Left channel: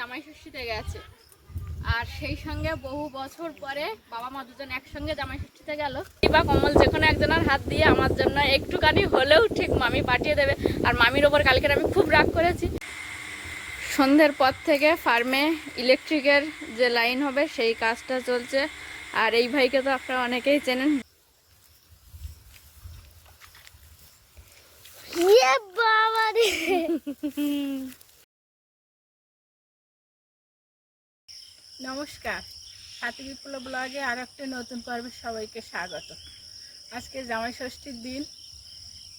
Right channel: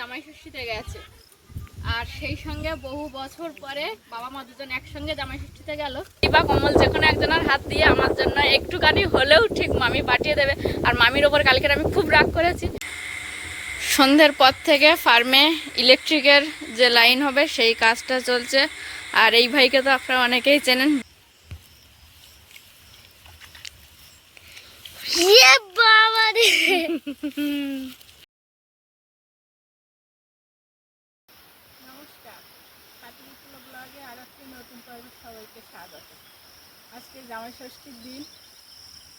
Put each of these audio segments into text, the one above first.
জামাই ষষ্ঠীতে গেছে, আর সেই সঙ্গে বহু বছর পরে বাবা মা দুজন একসঙ্গে জামাই ষষ্ঠীতে গেল। বা কমল যে কোনো একজনের হাত দিয়ে আমার জন্য একটুখানি হলেও ঠিক মামি পাঠিয়ে দেবে। আর মামির ওপর কালকে আমি খুব রাগ করেছি। সন্ধ্যের পর থেকে ফার্মে ইলেকট্রিকের যে লাইন হবে সেই কাজটা চলছে। আর এই ভাইকে তো আপনারা অনেকেই চেনেন। নমস্কার, হাতি বিপ্লব ব্লগে আর একটা নতুন পর্বে সবাইকে স্বাগত। আজকে জামাই ষষ্ঠীর দিন,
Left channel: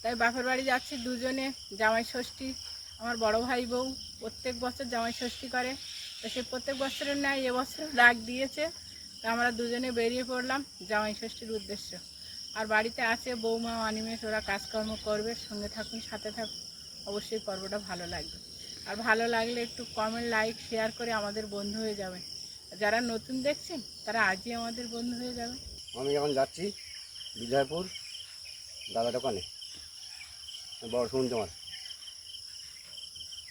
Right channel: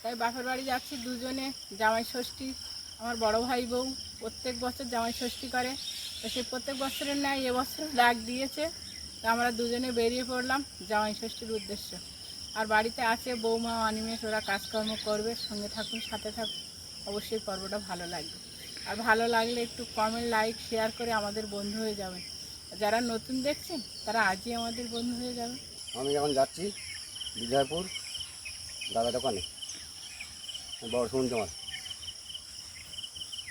তাই বাপের বাড়ি যাচ্ছি দুজনে। জামাই ষষ্ঠী আমার বড় ভাই বউ প্রত্যেক বছর জামাই ষষ্ঠী করে, তো সে প্রত্যেক বছরের ন্যায় এবছর ডাক দিয়েছে। তো আমরা দুজনে বেরিয়ে পড়লাম জামাই ষষ্ঠীর উদ্দেশ্য। আর বাড়িতে আছে বৌমা অনিমেষ, ওরা কাজকর্ম করবে। সঙ্গে থাকুন, সাথে থাকুন, অবশ্যই পর্বটা ভালো লাগবে। আর ভালো লাগলে একটু কমেন্ট, লাইক, শেয়ার করে আমাদের বন্ধু হয়ে যাবেন। যারা নতুন দেখছেন তারা আজই আমাদের বন্ধু হয়ে যাবে। আমি এখন যাচ্ছি বিজয়পুর দাদা দোকানে, বড় শুনুন তোমার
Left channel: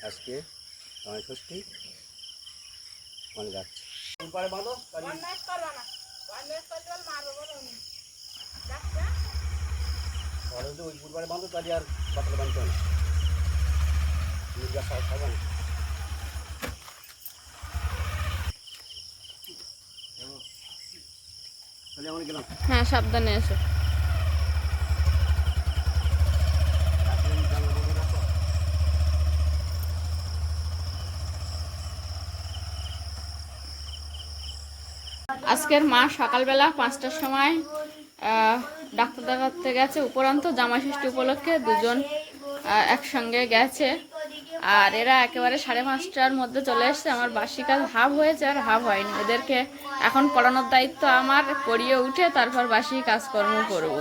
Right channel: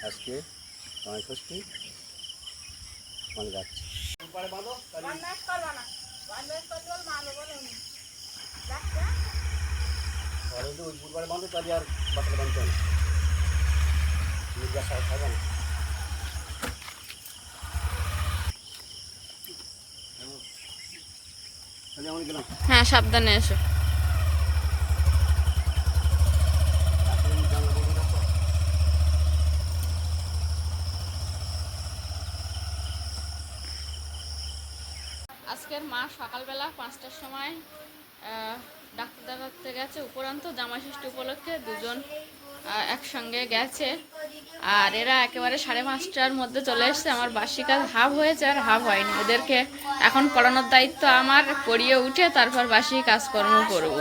আজকে জামাই ষষ্ঠী, ওখানে যাচ্ছি। বাঁধো ওই বুধবারে বাঁধো, তাহলে আর বাতালে বাঁধতে হয় না, মির্জা সব খাবে না। হ্যাঁ, সাবধানে এসো। আজকের মা সকালবেলা 5টার সময় ডাক্তার দেখাতে গেছে। উপরন্ত জামাই ষষ্ঠী উপলক্ষে দুজন একসঙ্গে গেছে। আর এরা একেবারে 5:30টার মধ্যে চলে এসছে। আমার বাসি কাজ হাফ হয়েছে আর হাফ হয়নি। এদেরকে এখন পড়ানোর দায়িত্ব আমার। পড়িয়ে উঠে তারপর বাসি কাজকর্ম করব।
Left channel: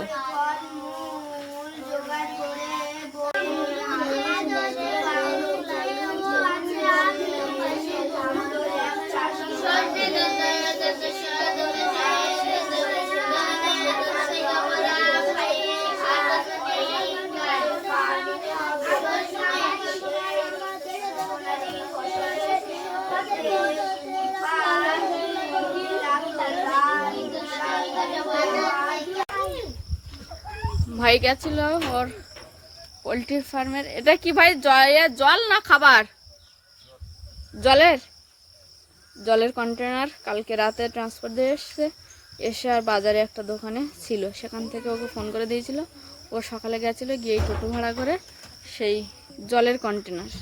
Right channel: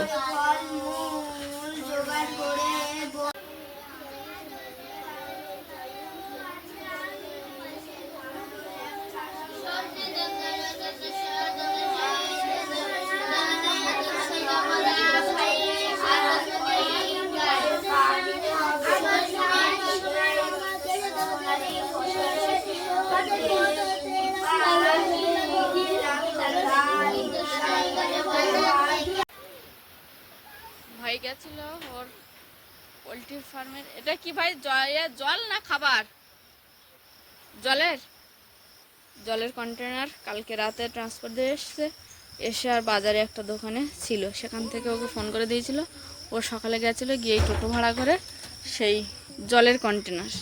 ভাই গেছিল ওর পোলট্রি ফার্মের। এটা কি ভাই, জল না খাবার? জলের কন্টেনার কালকে রাতে ট্রান্সফার দিয়ে এসে আর বাজারে একটা দোকানে ছিল, সেখান থেকে ওকে ফোন করে দিয়েছিল। ও সকালে গেছিলো, গিয়ে টোটো ভাড়া করে সেই জলের কন্টেনার।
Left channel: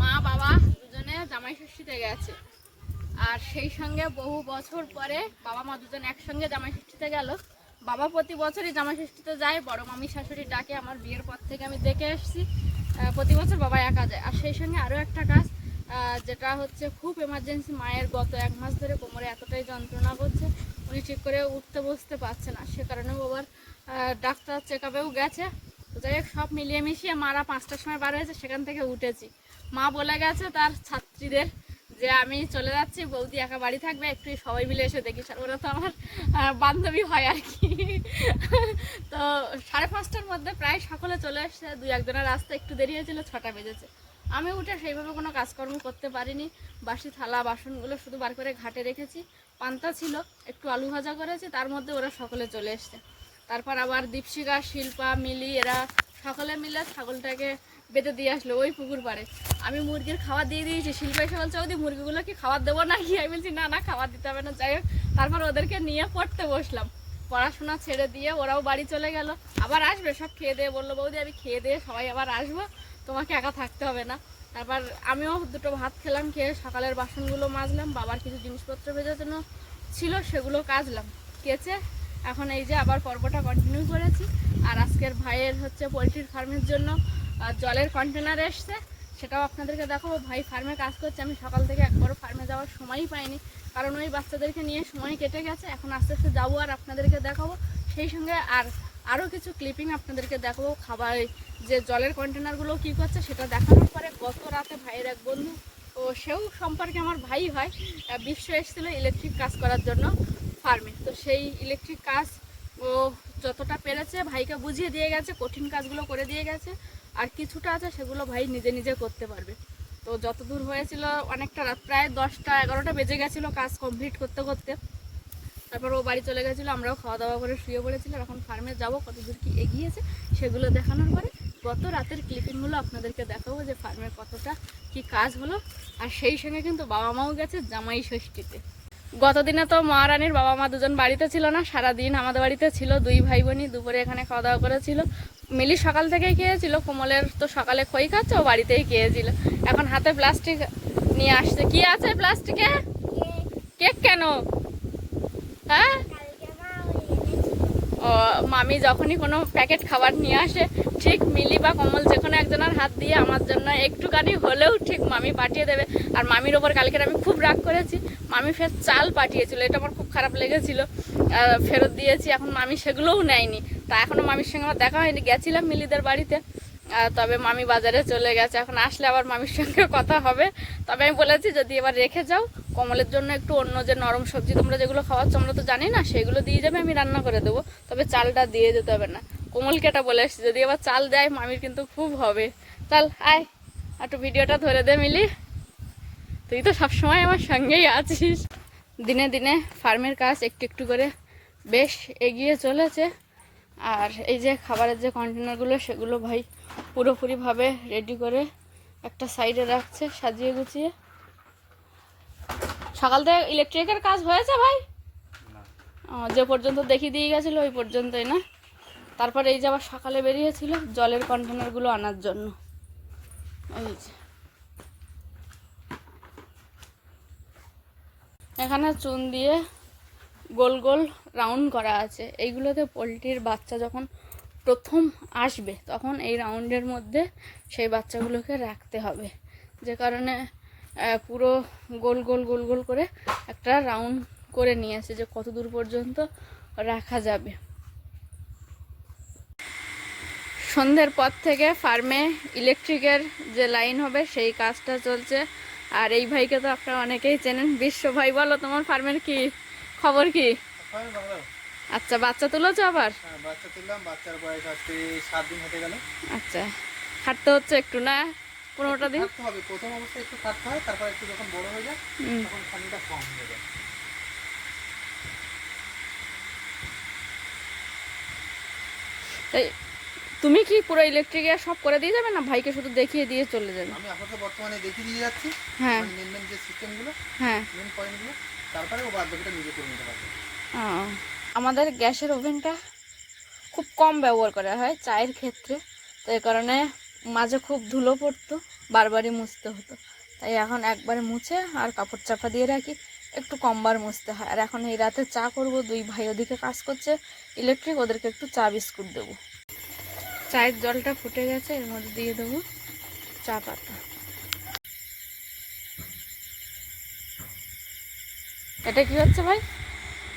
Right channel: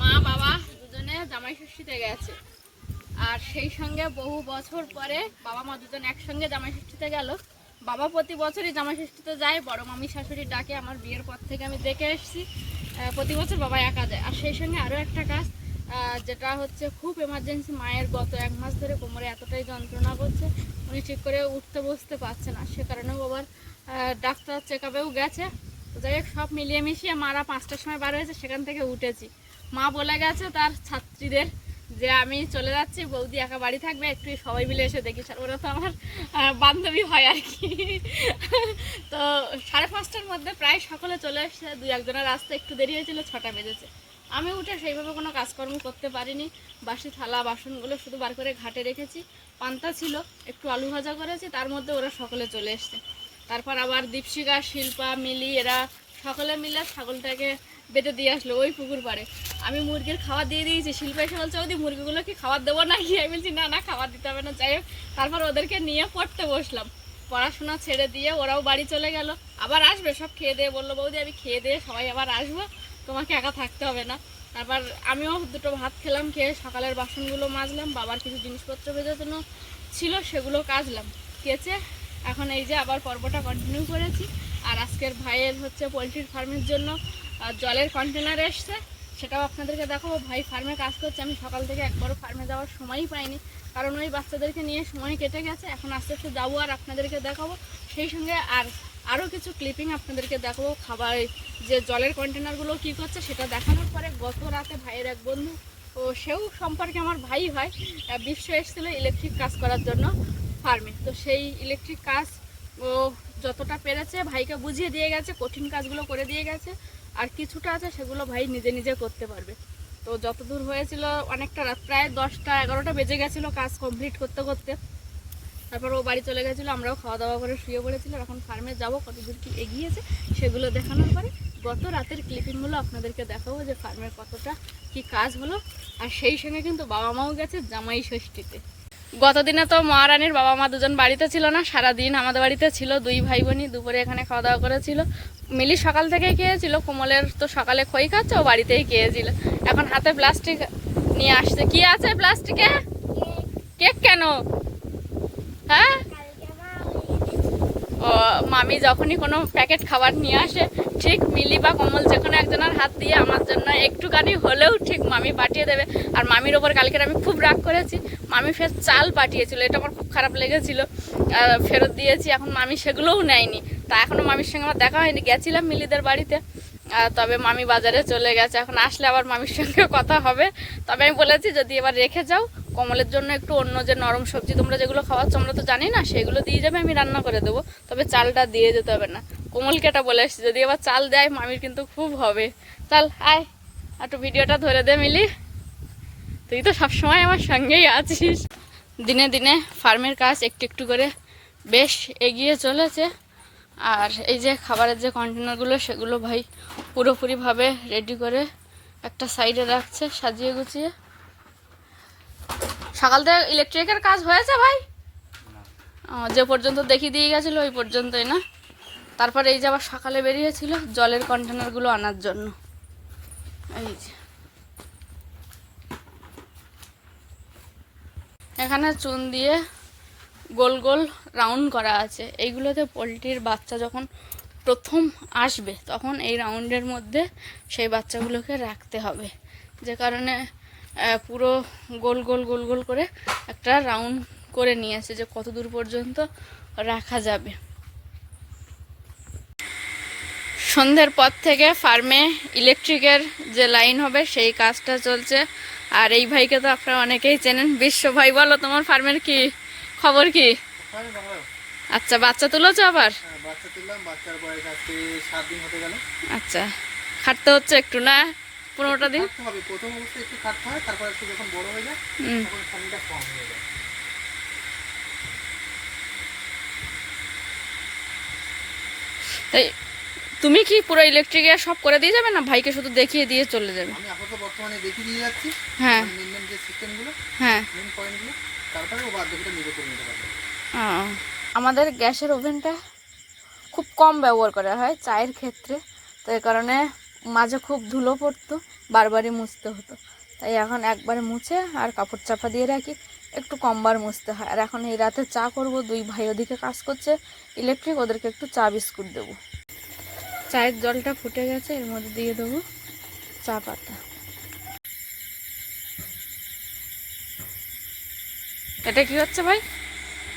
মা বাবা দুজনে জামাই ষষ্ঠীতে গেছে, আর সেই সঙ্গে বহু বছর পরে বাবা মা দুজন একসঙ্গে জামাই ষষ্ঠীতে গেল। বাবা প্রতি বছরই জামাই ষষ্ঠীতে যায়, বড় মামি শাশুড়ির ডাকে। আমার বিয়ের পর থেকে আমি দেখে এসেছি প্রতি বছর বাবা একা যায়। আর সেই সঙ্গে আরও একটা কাজ, যেটা হচ্ছে খুব এমার্জেন্সি। মায়ের গত 1 মাস ধরে কোমরে এতটাই যন্ত্রণা করছে, উনি ঠিক করে উঠতে বসতে পারছে না। সে কারণেও আবার ডাক্তার চেক আপেও গেছে। তো যাই হোক, সব মিলিয়ে মিশিয়ে মারা 5টার সময় বার হয়েছে, সেখান থেকে উঠেছি। মা বলে গেছে তার ছাত্রীদের যে আমি চলে যাচ্ছি, বৌদি একা বাড়ি থাকবে, একটু সবাই মিলে এসে দেখি। ওরা তো আমার বান্ধবী হয় আর কি। তো 5:30টার মধ্যে প্রায় সকলে চলে এসছে। 2-1 জনের আসতে একটু দেরি হয়েছিল, 6টা বেজেছে। আমি উঠে সেইভাবে কোনো কাজকর্ম করতে পারিনি। বাসি থালা বাসনগুলো শুধু বার করে ঘাটে রেখেছি। পান্তা ছিল, একটু আলু ভাজা করেছি, তার মধ্যে ওরা সকলে চলে এসছে। তারপর আবার দীপশিকা, শিল্পা, মিলি এরা সকলে মিলে ছাগলটাকে বেঁধে দিয়ে আসলো ওই পুকুর পাড়ে। আমি মুরগির খাবার দিয়ে দিয়েছি। শিল্পা এসে বলছে, ওদি মুরগিগুলো কি খাবার দেবো নাকি? আমি বলছি না খাবার দিতে হবে না। যাই হোক, তারপর ওদেরকে নিয়ে পড়তে বসলাম। পড়াশোনা ছেড়ে দিয়ে ওরাও বাড়ি চলে গেল। আবার আসবে, সব খেয়ে দিয়ে বললো, বৌদি আমি খেয়ে দিয়ে সবাই আবার আসবো, তোমাকে একা থাকতে হবে না। তারপর আমিও 2টো ভাত খেলাম, খেয়ে সকালের বাসনগুলো মাজলাম। বাবার কিছু জিনিসপত্র ভেজানো ছিল সেগুলো কাচলাম, কেচে এখন এই যে আবার পর্বটা কন্টিনিউ করেছি। আর আজকের ভাইয়ের হচ্ছে পোলট্রির ফার্মের জন্য জলের কন্টেনার এসছে, সেটাও আপনাদেরকে দেখাবো। ভাই ফার্মে কাজ করছে, আমি সকাল থেকে একবারও ফার্মে যাওয়ার সময়ই পাইনি, কারণ ওই বাচ্চাদেরকে নিয়ে সময় কেটে গেছে। এখন আস্তে আস্তে যাবো আর আপনাদেরকে দেখাবো, সেই সঙ্গে আরও কিছু ক্লিপিং আপনাদেরকে দেখাবো। খাবার যে জলের কন্টেনারগুলো কী করছে সেটা দেখানোর পরে গত রাতে ভাইয়ের এক বন্ধু, ও সেও সম্পর্কে আমার ভাই হয়, বিশ্ব এসেছিলো ইলেকট্রিক কাজ করার জন্য ফার্মে। তো সেই ইলেকট্রিক কাজ ও যতটা পেরেছে ভাইকে বুঝিয়ে দিয়ে গেছে, কঠিন কাজগুলো করে দিয়ে গেছে, আর কিছুটা আছে সেগুলো ভাই নিজে নিজে করতে পারবে। তো যতদূর হয়েছিল অনেকটা রাত, প্রায় 10টা 11টা বেজে গেছিলো কাজ কমপ্লিট করতে করতে। তারপর ও বাড়ি চলে গেছিলো, আমরাও খাওয়া দাওয়া করে শুয়ে পড়েছিলাম। এখন ফার্মে যাব, কতদূর কি এগিয়েছে সেগুলো দেখানোর পরে গত রাতের ক্লিপিংগুলো আপনাদেরকে দেখাবো যে ফার্মের কতটা কি কাজ হলো। আর সেই সঙ্গে কিন্তু বাবা মাও গেছে জামাই ষষ্ঠীতে। গতদিনে তো মহারানীর বাবা মা দুজন বাড়িতে ছিল না, সারাদিন আমাদের বাড়িতে ছিল। 2 ভাই বোনই দুপুরে এখানে খাওয়া দাওয়া করেছিল। মিলি সকাল থেকেই খেয়েছিল, কোমলের তো সকালে খই খাচ্ছে, ও বাড়িতেই খেয়েছিল। এখন হাতে প্লাস্টিক নিয়ে আসছে। কি আছে প্লাস্টিকে? কেক। কেন? হ্যাঁ, ও মামি যখনই কোনো প্যাকেট খাবার নিয়ে আসে ঠিক মিলি বা কমল যে কোনো একজনের হাত দিয়ে আমার জন্য একটুখানি হলেও ঠিক মামি পাঠিয়ে দেবে। আর মামির ওপর কালকের আমি খুব রাগ করেছি, মামি ফের চাল পাঠিয়েছিল, এটা আমার খুব খারাপ লেগেছিল, ফেরত দিয়েছি। এখন মামি সেগুলোও নেয়নি। তা এখনও মামির সঙ্গে আমার দেখা হয়নি, গেছিলাম মিলিদের বাড়িতে, তবে মামি বাজারে চলে গেছে। এখন আসলে আবার মামির সঙ্গে কথা হবে। তবে আমি বলেছি যদি এবার রেখে যাও, কমলের জন্য একটু অন্য যে নরম সবজি তোমরা যেগুলো খাওয়াচ্ছ আমরা তো জানি না, সেগুলো দিয়ে যাবে, আমি রান্না করে দেবো, তবে চালটা দিয়ে যেতে হবে না। কোমলকে এটা বলে এসছি, যদি এবার চাল দেয় মামির কিন্তু খুব হবে। চাল আয়, একটু ভিডিওটা ধরে দে মিলি, তুই তো সবসময় আমার সঙ্গেই আছিস। দিনে দিনে ফার্মের কাজ একটু একটু করে বেশ এগিয়ে চলেছে। আর এই যে খাবারের যে কন্টেনারগুলো সেগুলো ভাই পুরোপুরিভাবে রেডি করে একটা সাইডে রাখছে সাজিয়ে গুছিয়ে। সকাল থেকে ইলেকট্রিকের কাজ হয়েছে ভাই? যে পর্যন্ত দেখিয়ে দিয়ে গেছিলো ওই পর্যন্তই না? তারপরে এই যে আবার সকালে বেরিয়েছিল জলের কন্টেনারগুলো আনার জন্য। এই যে এখানে চুন দিয়ে গোল গোল রাউন্ড করা আছে। এইগুলোতে পোলট্রির বাচ্চা যখন প্রথম আসবে তখন এই রাউন্ডের মধ্যে সেই বাচ্চাগুলোকে রাখতে হবে, যে কারণে পুরো গোল গোল গোল গোল করে একটা রাউন্ড করে নিয়েছে যে কত দূর পর্যন্ত রাখা যাবে। সন্ধ্যের পর থেকে ফার্মে ইলেকট্রিকের যে লাইন হবে সেই কাজটা চলছে। আর এই ভাইকে তো আপনারা অনেকেই চেনেন, বিশ্ব ভাই। বলো তোমার ফার্মের কি খবর? কি আচ্ছা, বাচ্চা তুলেছো আবার? বাচ্চা তুললাম, বাচ্চার বয়স আজকে 7 দিন হতে গেল। আচ্ছা, খাটতে হচ্ছে একটু না? 15টা দিন খাটতে হবে, প্রথম অবস্থায় একটু খাটতে হয়, তারপর একটু যখন বড় হয়ে যায় তখন খানিটা কম হয়ে যায়। তাই তুমি কি পুরো ইলেকট্রিকে সব করে দিয়ে যাবে না ভাইকে শুধু দেখিয়ে দিয়ে চলে যাবে? আমি আপাতত বর্তমানে দেখিয়ে দিয়ে যাচ্ছি, হ্যাঁ মেন যে সিস্টেমগুলো, হ্যাঁ, মেন পয়েন্টগুলো, তারপরে ও বাদ বাকিটা নিজে করে নিতে পারবে। আমাদের গ্যাসের ওভেনটা খুব কম ব্যবহার করা হয় চায়ের ক্ষেত্রে, তো এই কারণে মাঝে খুব ধুলো পড়তো, বারবারই মুছতে হতো। তাই এখন একবারে মুছে আর কাপড় চাপা দিয়ে রাখি, একটু কমবার মুছতে হয়। আর এখন এই রাতে চা করব, 2 ভাই ওদিকে কাজ করছে ইলেকট্রিক, ওদেরকে একটু চা বিস্কুট দেবো। চায়ের জলটা ফুটে গেছে, এর মধ্যে দিয়ে দেবো চা পাতা। এটা কি হচ্ছে ভাই?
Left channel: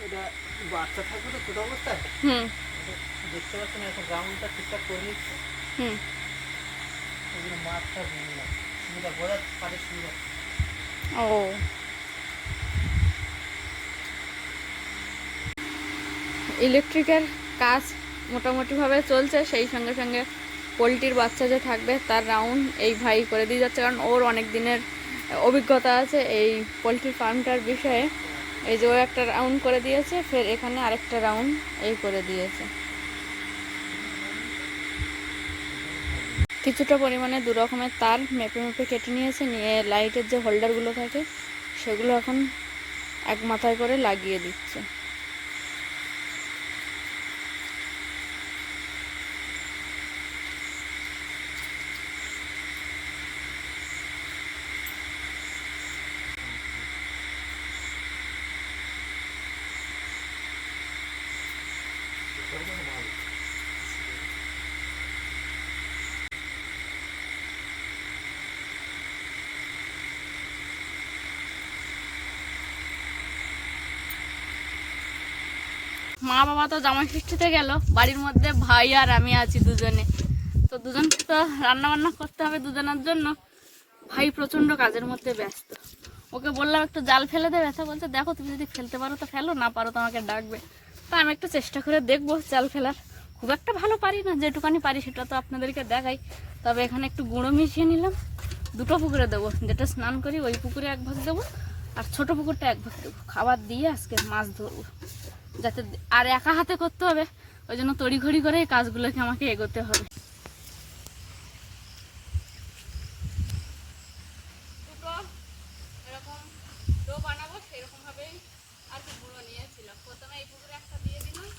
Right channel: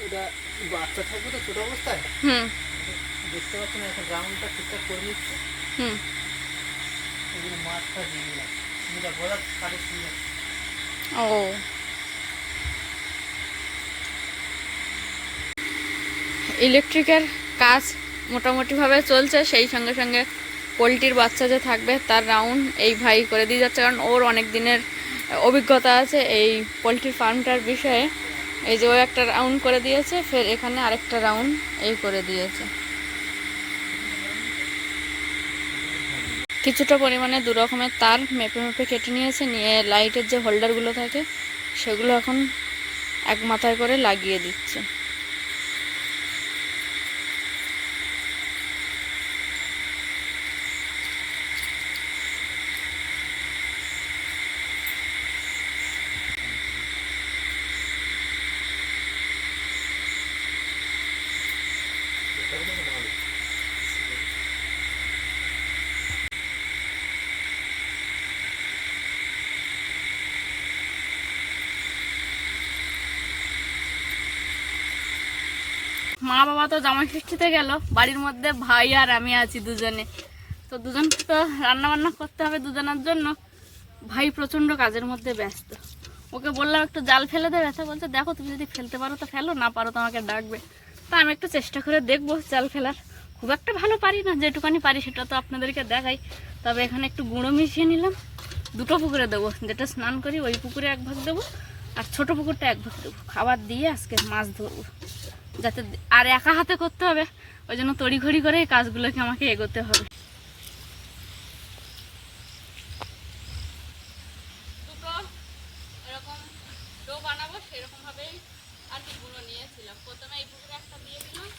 এটা বাচ্চা থাকবে তো ছোট অবস্থায়, দেখতে পাচ্ছি না, এখন গ্রাউন্ডটা ঠিকঠাক করে নিচ্ছে, ওই জন্য মাছটা দিয়ে নিলাম, সুবিধা বোঝার কাজে সুবিধা। ও, ইলেকট্রিকের কাজ মোটামুটিভাবে চলছে, সেই সঙ্গে সঙ্গে পোলট্রির বাচ্চা যে থাকবে তার রাউন্ড এই ভাই করে দিয়ে যাচ্ছে, কারণ ওর অনেক দিনের অভিজ্ঞতা আছে এই পোলট্রির ফার্মটার বিষয়ে। এই যে ও একটা রাউন্ড করে দিয়েছে, ফের এখানে আরেকটা রাউন্ড এই করে দিয়েছে। কিছুটা পরিমাণে 2 রকমের তার মেপে মেপে কেটে নিয়েছে, নিয়ে লাইটের যে হোল্ডারগুলো থাকে সেগুলো এখন এক মাথায় করে লাগিয়ে দিচ্ছে। মা বাবা তো জামাই ষষ্ঠীতে গেল, বাড়ির মধ্যে ভাই আর আমি আছি দুজনে। তো দুজনকে তো রান্না বান্না করতে হবে দুজনের জন্য। ভাই প্রচণ্ড কাজের মধ্যে ব্যস্ত। ওকে বললাম একটু জাল ফেলে দেবে, তা বলছে দেখো তুমি যদি ফেলতে পারো তো ফেলো, না পারো তো আমাকে ডাকবে। তা আমি একটু চেষ্টা করে দেখবো জাল ফেলার। খুব একটা ভালো পারি না, যেটুকানি পারি সেটা তো আপনাদেরকে দেখাই। তবে এখানে একটু গুঁড়ো মিশিয়ে নিলাম। দুটো পুকুরে দেবো, যেটা স্নান করি ওই পুকুরে 1 ভাগ দেবো, আর ছোট পুকুরটা 1 ভাগ দেবো। খাবার দিয়ে আজকে মাছ ধরবো, যাতে আর একা হাতে করতে হবে, ওই জন্য তড়িঘড়ি করে এই কাজগুলোকে আমাকে এগোতে হবে। দুটো এরকম ডো বানাবো, সেরকম ভাবেই আর কি গুঁড়ো নিয়েছিলাম। প্রথমে এই পুকুরে একটা দিয়ে দিলাম,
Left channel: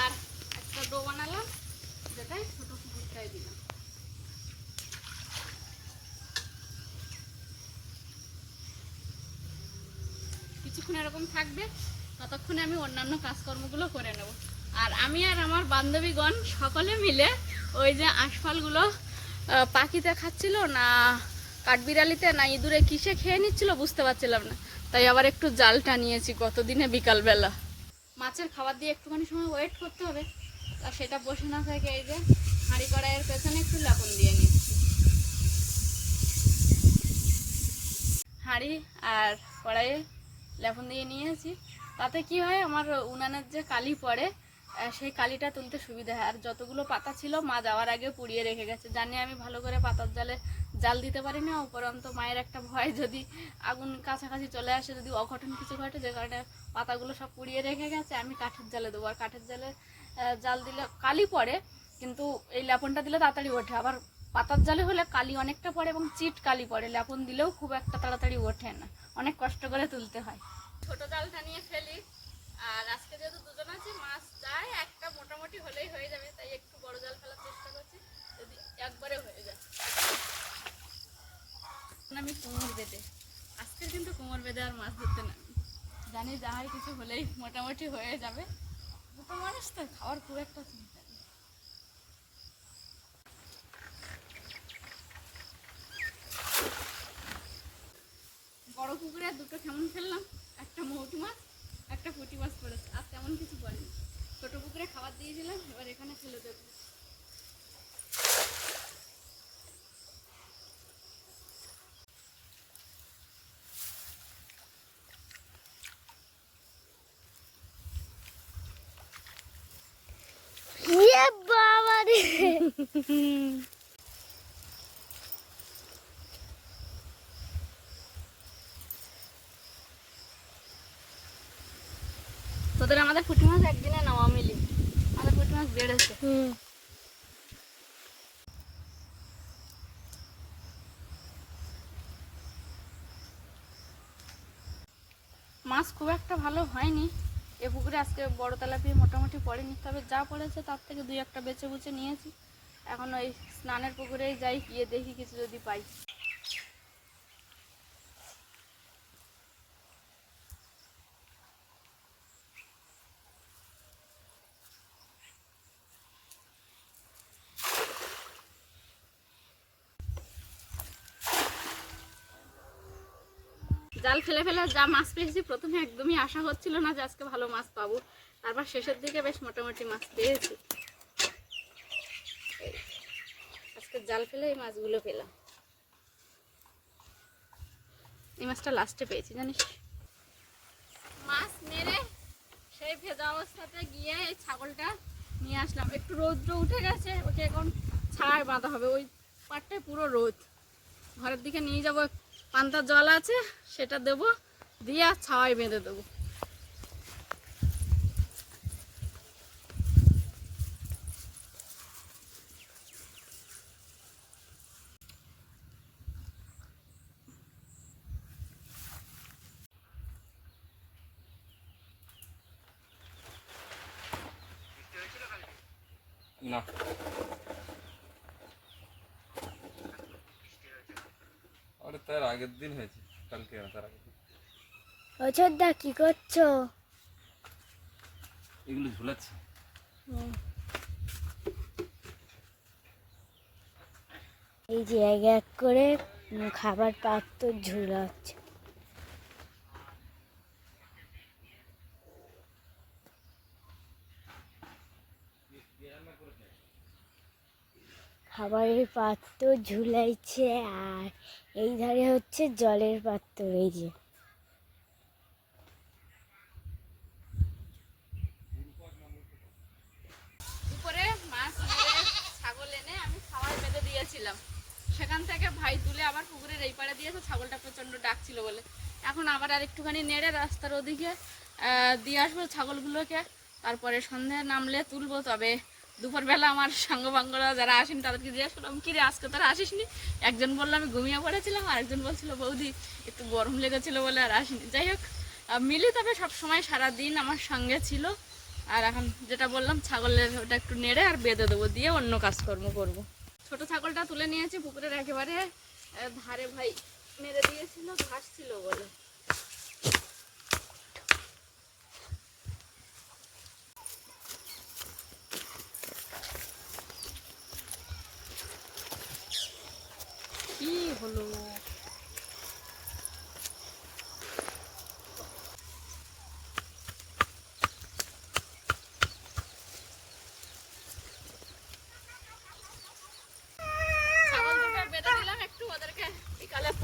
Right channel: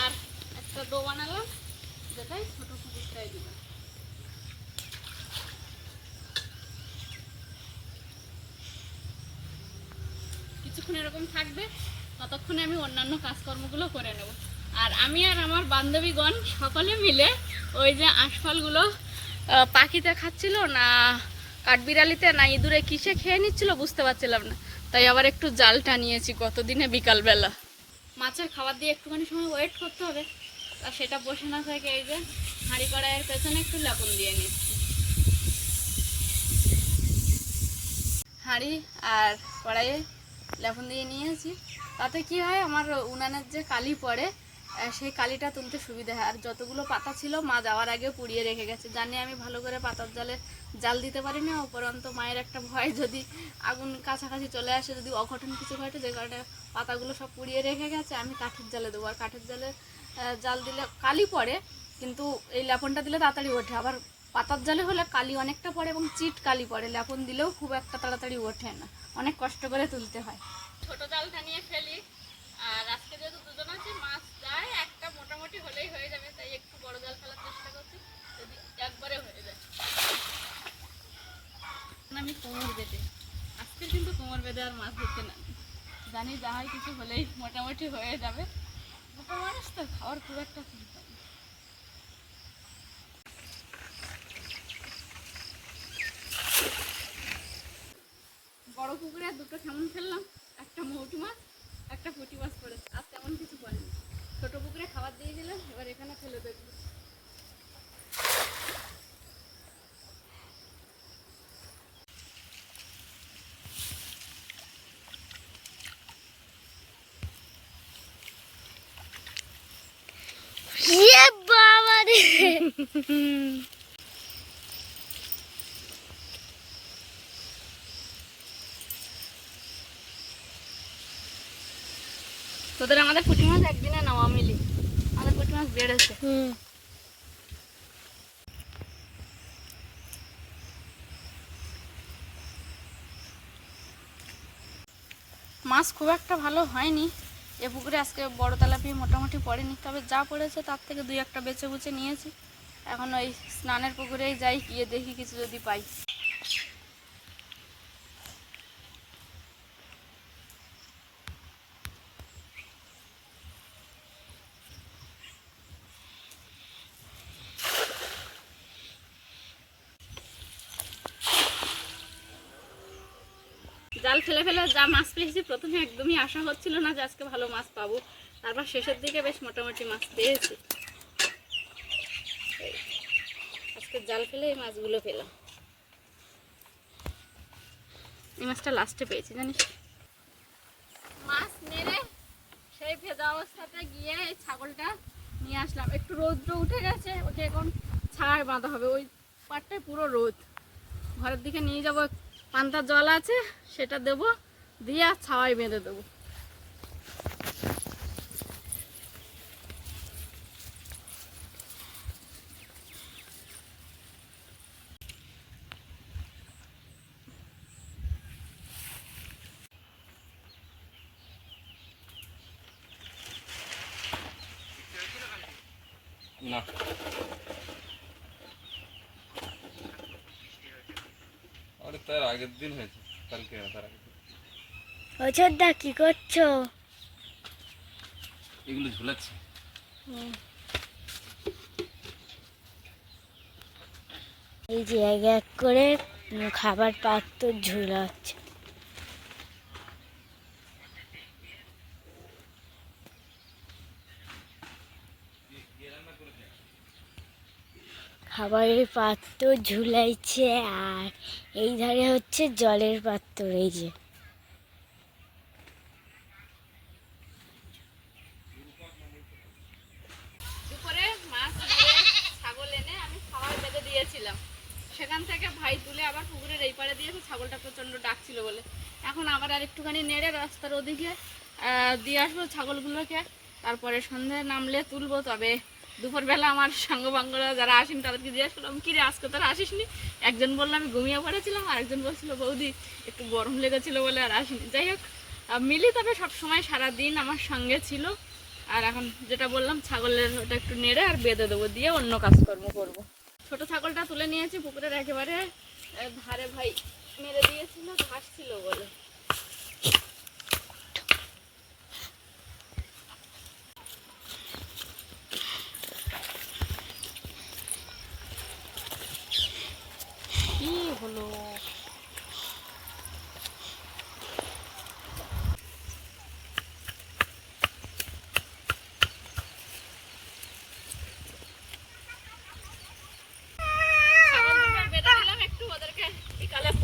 আর একটা ডো বানালাম, যেটাই ছোট পুকুরটাই দিলাম। কিছুক্ষণ এরকম থাকবে, ততক্ষণে আমি অন্যান্য কাজকর্মগুলো করে নেব। আর আমি আর আমার বান্ধবীগণ সকলে মিলে ওই যে আঁশফলগুলো পাখিতে খাচ্ছিল না, কাঠবিড়ালিতে না ইঁদুরে কিসে খেয়ে নিচ্ছিল বুঝতে পারছিলাম না, তাই আবার একটু জালটা নিয়েছি কতদিনে বিকালবেলা। মাছের খাবার দিয়ে একটুখানি সময় ওয়েট করতে হবে, আর সেটা বসে না থাকে এই যে হাঁড়ি কড়াইয়ের পেছনে একটু লেপন দিয়ে নিচ্ছি। হাঁড়ি আর কড়াইয়ে লেপন দিয়ে নিয়েছি, তাতে কি হয় আমার উনানের যে কালি পড়ে সেই কালিটা তুলতে সুবিধা হয়। আর যতগুলো পাতা ছিল মা যাওয়ার আগে পুড়িয়ে রেখে গেছে, জানি আমি ভালো করে পাতার জালে জাল দিতে পারি না। উপরন্ত মায়ের একটা ভয়, যদি আগুন কাছাকাছি চলে আসে, যদি অঘটন কিছু ঘটে, যে কারণে পাতাগুলো সব পুড়িয়ে রেখে গেছে। আমি কাঠের জালে দেবো, আর কাঠের জালে জাল দিলে কালি পড়ে, কিন্তু এই লেপনটা দিলে তাড়াতাড়ি ওঠে। আবার পাতার জালে হলে কালি অনেকটা পড়ে এবং চিট কালি পড়ে, লেপন দিলেও খুব একটা তাড়াতাড়ি ওঠে না, অনেক কষ্ট করে তুলতে হয়। ছোট জালটা নিয়ে ফেলি, আর আজকে যেহেতু দুজন আছি মাছ যায় একটা মোটামুটি হলেই হয়ে যাবে, তাই একটু বড় জাল ফেলার চেষ্টা করছি, যদি একবারে হয়ে যায়। আমি কোমর বেঁধে, আজকে কিন্তু কোমর বেঁধে আর মাছ ধরতে না, জানি যা হয় কিছু হলেই মোটামুটি হয়ে যাবে। দুটো মানুষ তো খাওয়ার খুব একটা চিন্তা নেই। বড় পুকুরে দুটো কেমন ফেললাম, একটা মৌটি মাছ একটা পুঁটি মাছ পড়েছে, আর তেমন কিছু পড়েনি। ছোট পুকুরে খাবার দিয়েছিলাম, এবার এখানে ফেলে দেবো। তোদের আমাদের পুঁটি মাছ একদিনে নেওয়া মিলি, আমাদের পুঁটি মাছ বেড়েছে। মাছ খুব একটা ভালো হয়নি এ পুকুরে, আজকে বড় তেলাপিয়া মোটামুটি পড়েনি, তবে যা পড়েছে তার থেকে 2-1টা বেছে বুছে নিয়েছি। এখন ওই স্নানের পুকুরেই যাই, গিয়ে দেখি কিছু যদি পাই। জাল ফেলে ফেলে যা মাছ পেয়েছি, প্রথমে একদমই আশা হচ্ছিল না যে আজকে ভালো মাছ পাবো, তারপর শেষের দিকে বেশ মোটামুটি মাছ পেয়েছি। আজকে জাল ফেলে এই মাছগুলো পেলাম। এই মাছটা লাস্টে পেয়েছি জানিস। মাছ মেরে সেই ভেজা অবস্থাতে গিয়ে এই ছাগলটা নিয়ে আসলাম। একটু রৌদ্র উঠে গেছে, ওকে এখন ছায়ায় বাঁধা হবে, ওই পাটটায় পুরো রোদ। ঘরের দিকে নিয়ে যাব, পান্তার জল আছে সেটা দেবো, দিয়ে আর ছাওয়ায় বেঁধে দেবো। না আরে তার আগের দিন হয়েছে, কালকে না তার আগের দিন। অযোধ্যা কি করছো? এগুলো ঝুলাচ্ছে। এই যে এক এক করে খাবার পাত্র ঝুলাচ্ছে। খাবারের পাত্র ঝুলাইছে আর এই ধারে হচ্ছে জলের পাত্র। এই যে দুপুরে মাছ মেরে ছাগল এনে আমি খাওয়ার বেঁধে দিয়েছিলাম, সেখান থেকে ভাই তুলে আবার পুকুরের এই পাড়ে দিয়েছে, ছাগলটা প্রচণ্ড ডাকছিল বলে। এখন আবার আর একটুখানি নেড়ে রাস্তার ওদিকে দিয়ে আসবো ছাগলগুলোকে, তারপরে সন্ধে নামলে তুলবো। তবে দুপুরবেলা আমার সাঙ্গবাঙ্গরা যারা আসেন তাদেরকে জিজ্ঞেস করলাম, কিরে আজকে তারা আসিসনি? একজন বললো আমি ঘুমিয়ে পড়েছিলাম, আর একজন বলছিল বৌদি একটু গরম লেগেছিল বলে আর আসিনি। যাই হোক, মিলি তবে সবসময় সারাদিন আমার সঙ্গে ছিল। আর এখন যেটা বললাম, ছাগলের ওটা একটু নেড়ে আর বেঁধে দেবো, দিয়ে অন্য কাজকর্ম করবো। ছোট ছাগলটা তুলে নিয়েছি পুকুরের একেবারে ধারে, ভাই মেরে দিয়েছিল ঘাস ছিল বলে। কি হলো?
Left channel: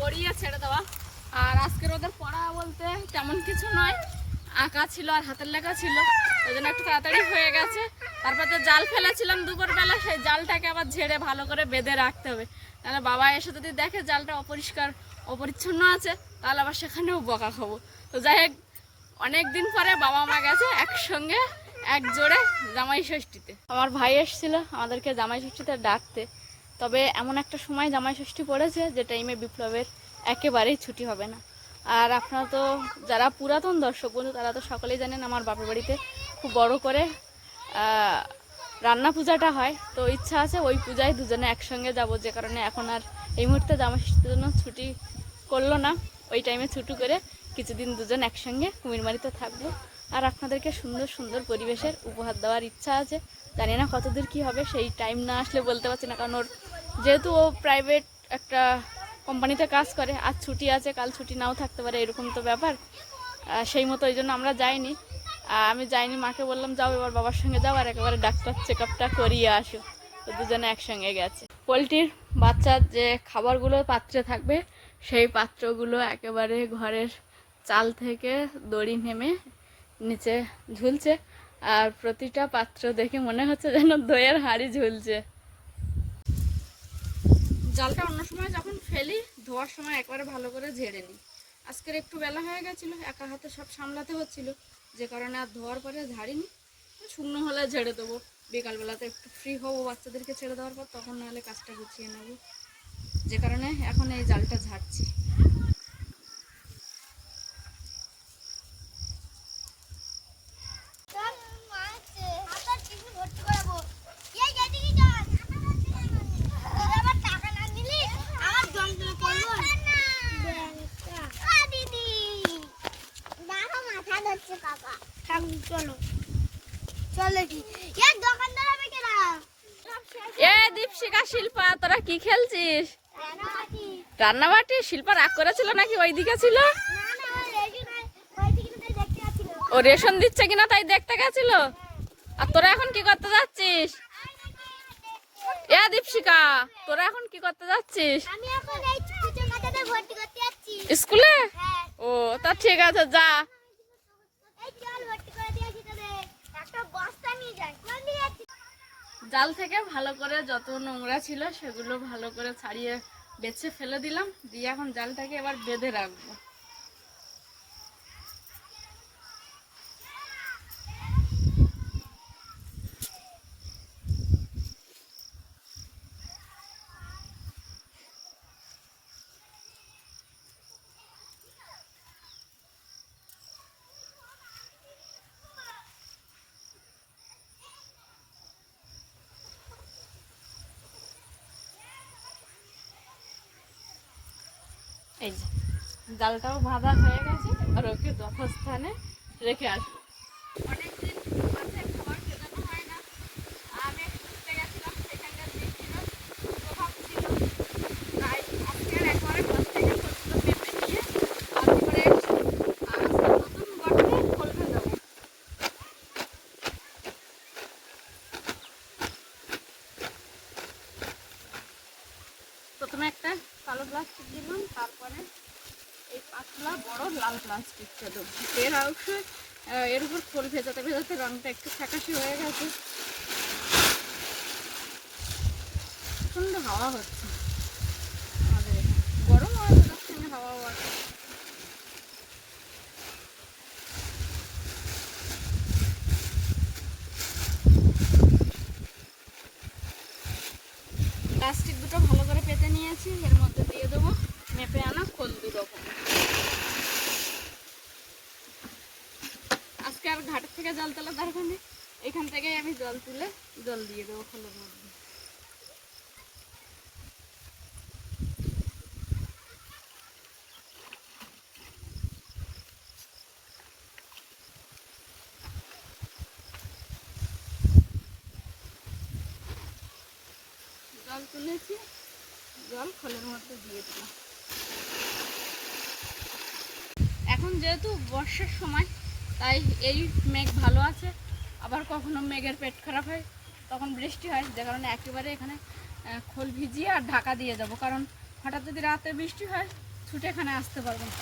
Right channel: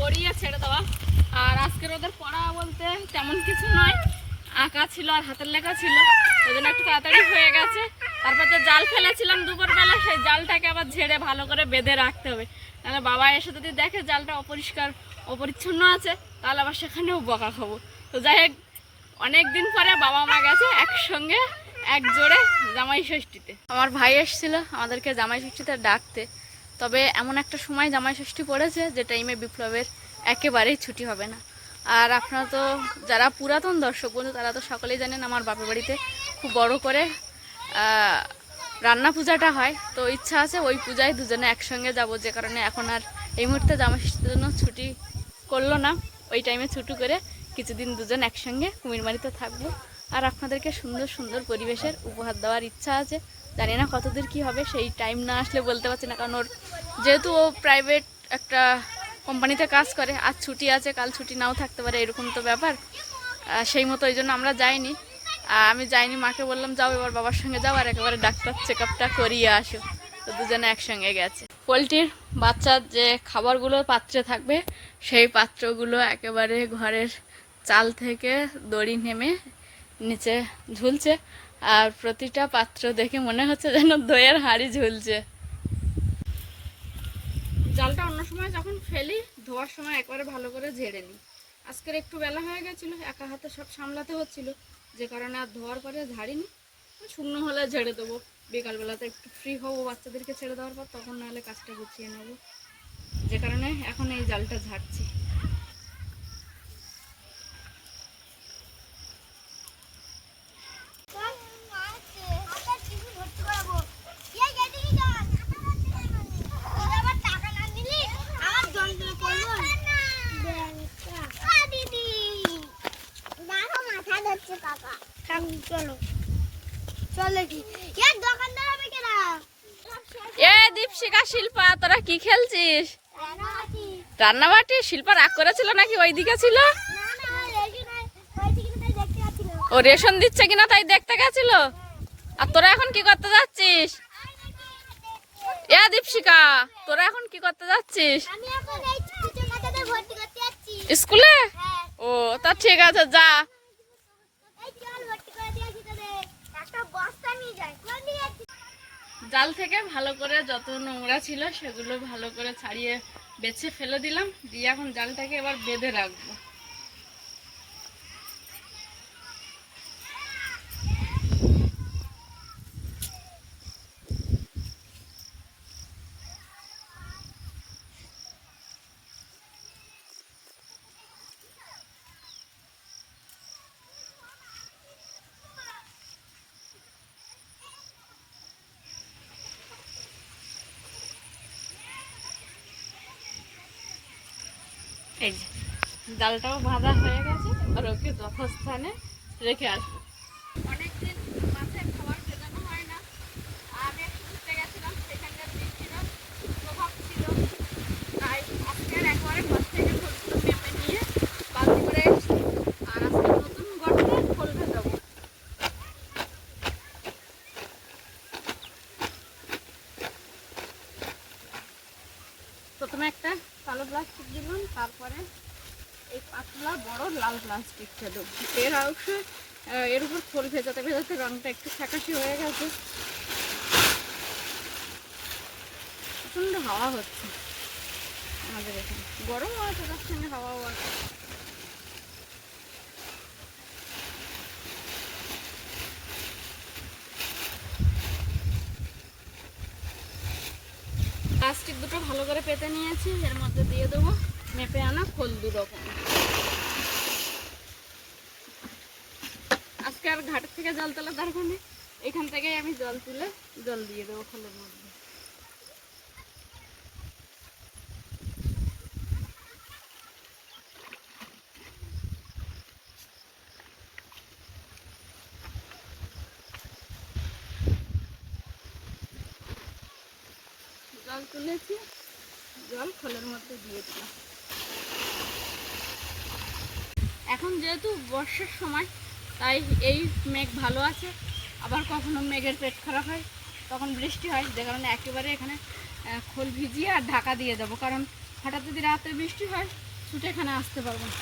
পড়িয়ে ছেড়ে দেওয়া। আর আজকের ওদের পড়া বলতে তেমন কিছু নয়, আঁকা ছিল আর হাতের লেখা ছিল, ওই জন্য একটু তাড়াতাড়ি হয়ে গেছে। তারপর যে জাল ফেলেছিলাম দুপুরবেলা, সেই জালটাকে আবার ঝেড়ে ভালো করে বেঁধে রাখতে হবে, তাহলে বাবা এসে যদি দেখে জালটা অপরিষ্কার অপরিচ্ছন্ন আছে তাহলে আবার সেখানেও বকা খাবো। তো যাই হোক, অনেক দিন পরে বাবা মা গেছে একসঙ্গে এক জোড়ে জামাই ষষ্ঠীতে। আমার ভাই এসেছিল আমাদেরকে জামাই ষষ্ঠীতে ডাকতে। তবে এমন একটা সময় জামাই ষষ্ঠী পড়েছে যে টাইমে বিপ্লবের একেবারেই ছুটি হবে না। আর আপনারা তো যারা পুরাতন দর্শক বন্ধু তারা তো সকলেই জানেন আমার বাপের বাড়িতে খুব বড় করে রান্না পূজাটা হয়। তো ইচ্ছা আছে ওই পূজায় দুজনে একসঙ্গে যাব, যে কারণে এখন আর এই মুহূর্তে জামাই ষষ্ঠীর জন্য ছুটি করলো না। ওই টাইমে ছুটি করে কিছুদিন দুজন একসঙ্গে কুমিরমারিতে থাকবো, আর আপনাদেরকে সুন্দর সুন্দর পরিবেশের উপহার দেওয়ার ইচ্ছা আছে। জানি না কতদূর কী হবে, সেই টাইম না আসলে বলতে পারছি না, কারণ ওর যেহেতু ও প্রাইভেট একটা কোম্পানিতে কাজ করে, আজ ছুটি আছে কাল ছুটি নাও থাকতে পারে, এরকম তো ব্যাপার। সেই মতো ওই জন্য আমরা যাইনি। আমি যাইনি, মাকে বললাম যাও এবার বাবার সঙ্গে যাও আর একেবারে ডাক্তার চেক আপটা করিয়ে আসো। তো দুজনে একসঙ্গে গেছে। পোলট্রির বাচ্চার যে খাবারগুলো পাত্রে থাকবে সেই পাত্রগুলো একেবারে ঘরের চাল থেকে দড়ি নেমে নিচে ঝুলছে, আর প্রতিটা পাত্র দেখে মনে হচ্ছে যেন দইয়ের হাঁড়ি ঝুলছে। জালটা অন্য সময় যখন ফেলি ধোয়ার সময় একবারে ভালো করে ঝেড়ে নিই। আজকের একটু বেলা হয়ে গেছিলো, একা হাতে সব সামলাতে হচ্ছিল, যে কারণে আর ধোয়ার পরে ঝাড়িনি। শুকনো হলে ঝেড়ে দেবো, বিকালবেলাতে একটু ফ্রি হবো বাচ্চাদেরকে ছেড়ে দেওয়ার পর, তখন নাহলে কাজটা গুছিয়ে নেবো, যে কারণে এখন এই জালটা ঝাড়ছি। দীপশিকা শিল্পা তোরা কি খেলছিস? রান্নাবাটি। শিল্পা রাগ করেছিল নাকি ওইদিকে ছিল? ও রেশন দিচ্ছে কিনা তাই দেখতে গেছিল। আর তোরা এখন কি করতে যাচ্ছিস? দীপশিকা তোরা এখন কি করতে যাচ্ছিস? স্কুলে? ও তা ঠিক আছে, যা। জাল থেকে ভালো করে যত নোংরা ছিল সেগুলো ভালো করে ছাড়িয়ে বেছে ফেলে দিলাম, দিয়ে এখন জালটাকে এবার বেঁধে রাখবো। এই যে জালটাও বাঁধা হয়ে গেছে, আর ওকে যথাস্থানে রেখে আসবো। অনেকদিন মাথায় খাবার খেদানো হয় না, আমি ঘুরতে গেছিলাম, সেখানকার বৃষ্টির প্রভাব ছিল, প্লাস্টিক দিলাম, তারপরে এই পাতলা বড় লাল প্লাস্টিকটা দেবো। এর অংশ এর উপর খোল ভেজাতে ভেজাতে রঙটা একটু ফ্যাকাশি হয়ে গেছে। প্রচণ্ড হাওয়া হচ্ছে আমাদের এখানে, গরম হওয়াতে তার সঙ্গে হাওয়াও আছে। প্লাস্টিক দুটো ভালো করে পেতে নিয়েছি, এর মধ্যে দিয়ে দেবো মেপে আনা খোল 2 রকম। আজকে আর ঘাটের থেকে জল তোলার দরকার নেই, এখান থেকে আমি জল তুলে জল দিয়ে দেবো খোলের মধ্যে। জল তুলেছি, জল খোলের মধ্যে দিয়ে দিলাম। এখন যেহেতু বর্ষার সময়, তাই এই মেঘ ভালো আছে। আবার কখনো মেঘের পেট খারাপ হয়, তখন বৃষ্টি হয়, যে কারণে একেবারে এখানে খোল ভিজিয়ে আর ঢাকা দিয়ে দেবো, কারণ হঠাৎ যদি রাতে বৃষ্টি হয় ছুটে এখানে আসতে পারবো না।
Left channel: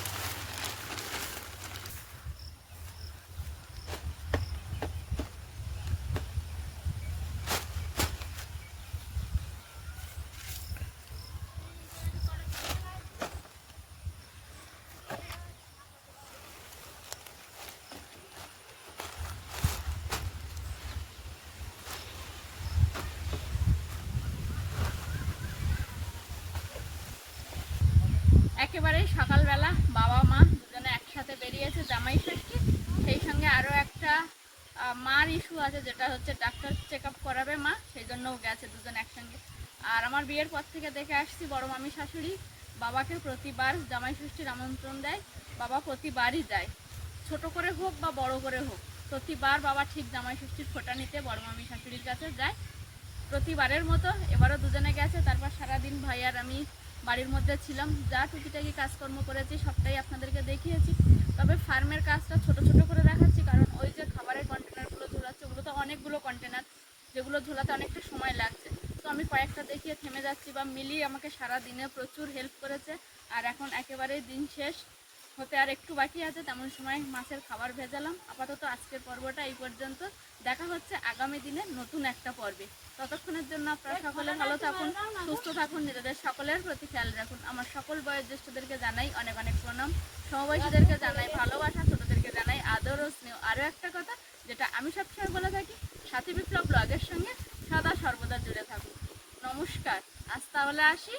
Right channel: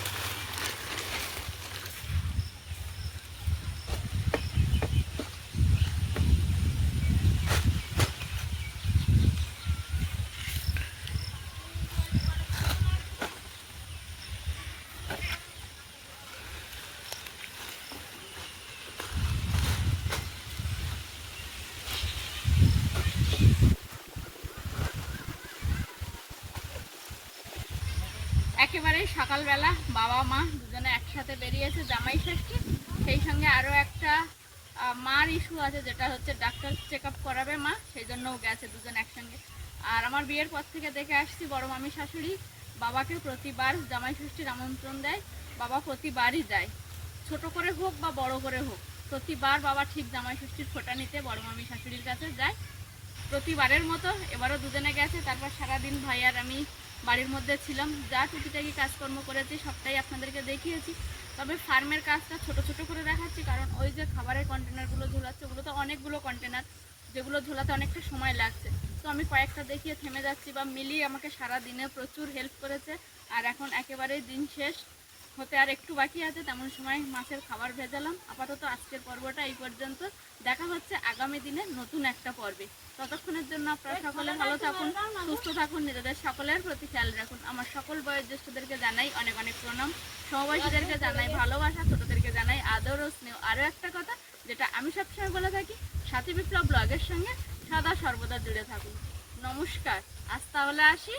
একেবারেই সকালবেলা বাবা মা দুজনে একসাথে বেরিয়েছে জামাই ষষ্ঠী, সেই সঙ্গে আরও একটা মার ইস্যু আছে, যেটা হচ্ছে ডাক্তার চেক আপ করাবে মা, সেই জন্যও গেছে দুজন একসঙ্গে। আর আমার বিয়ের পর থেকে দেখে আসছি বড় মামি শাশুড়ি বাবাকে প্রতিবার জামাই ষষ্ঠীর আমন্ত্রণ দেয়, বাবা প্রতিবারই যায়, ছোট করে হোক বা বড় করে হোক, প্রতিবার বাবা ঠিক জামাই ষষ্ঠীর ফোঁটা নিতে বড় মামি শাশুড়ির কাছে যায়। প্রতিবারের মতো এবারও দুজনে গেছে। তারপর সারাদিন ভাই আর আমি বাড়ির মধ্যে ছিলাম, যা টুকিটাকি কাজকর্ম করেছি সবটাই আপনাদেরকে দেখিয়েছি। তবে ফার্মের কাজটা ছোট ছোট করে দেখাচ্ছি, কারণ ওই যে খাবারের কন্টেনারগুলো ঝোলাচ্ছে, ওগুলো তো অনেকগুলো কন্টেনার, যেগুলো ঝোলাতে অনেকটা সময় লাগছে। তো আমি কয়েকটা দেখিয়ে থেমে যাচ্ছি, বা মিলি আমাকে সারা দিনে প্রচুর হেল্প করেছে। আর এখন একেবারেই দিন শেষ হতে আর একটু বাকি আছে, তেমন সময় মাছের খাবার ভেজালাম। আপাতত আজকের পর্বটা এই পর্যন্ত, দেখা হচ্ছে আগামী দিনে নতুন একটা পর্বে। ততক্ষণের জন্য আপনারা সকলে ভালো থাকুন, সুস্থ থাকুন, নিজেদের সকলের প্রতি খেয়াল রাখুন। আমার সকল বয়োজ্যেষ্ঠদেরকে জানাই অনেক অনেক প্রণাম, সমবয়সীদেরকে জানাই ভালোবাসা, ছোটদেরকে জানাই আদর ও স্নেহ। আরও একটা কথা যেটা আমি সবসময় বলে থাকি, সাথী বিপ্লব ব্লগের সঙ্গে সদা সর্বদা জুড়ে থাকুন। নমস্কার, আজ তাহলে আসি।